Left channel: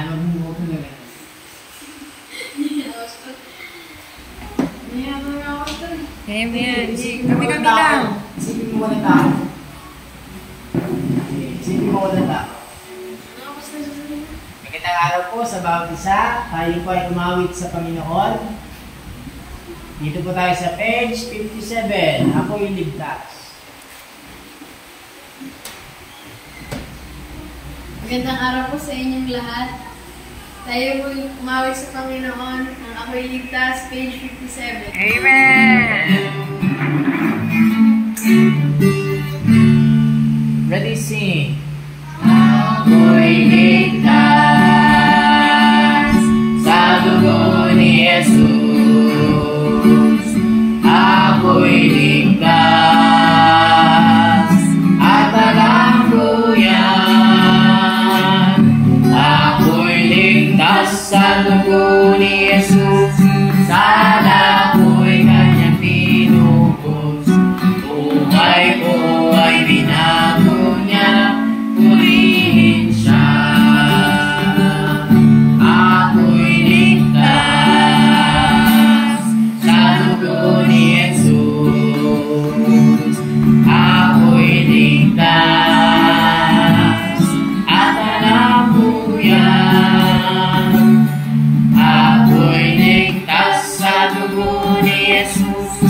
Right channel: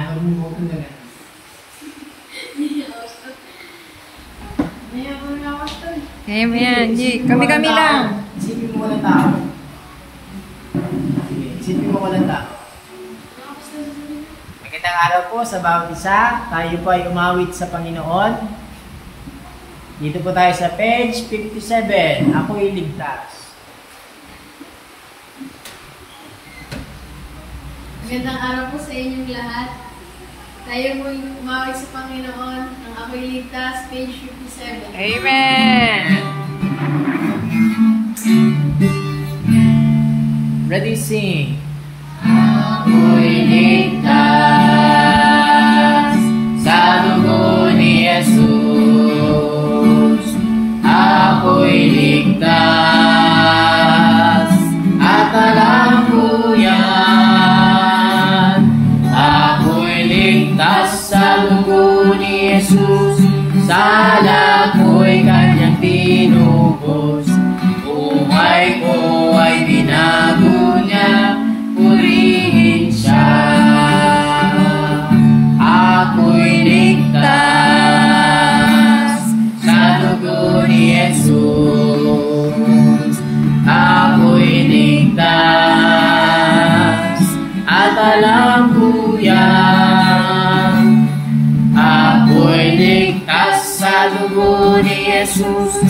Yan, magbubuto na ganyan. Kaya mo yan. Kami-kami lang. Isipin mo walang tao. Isipin mo walang tao. Magandang araw po sa bawat isa. Tayo po ay umawit sa Panginoon. Dito po tayo sa page 57. Ako'y ligtas. Magandang araw po sa inyong lahat. Tayo po umawit sa Panginoon ng Ako'y Ligtas, page 57. Amen! Ready, sing. Ako'y ligtas sa dugo ni Jesus. Ako'y ligtas at alam ko yan. Ako'y ligtas sa dugo ni Jesus. Sala ko'y kanyang tinubos. Buhay ko ay binago niya. Purihin siya. Ako'y ligtas sa dugo ni Jesus. Ako'y ligtas at alam ko yan. Ako'y ligtas sa dugo ni Jesus.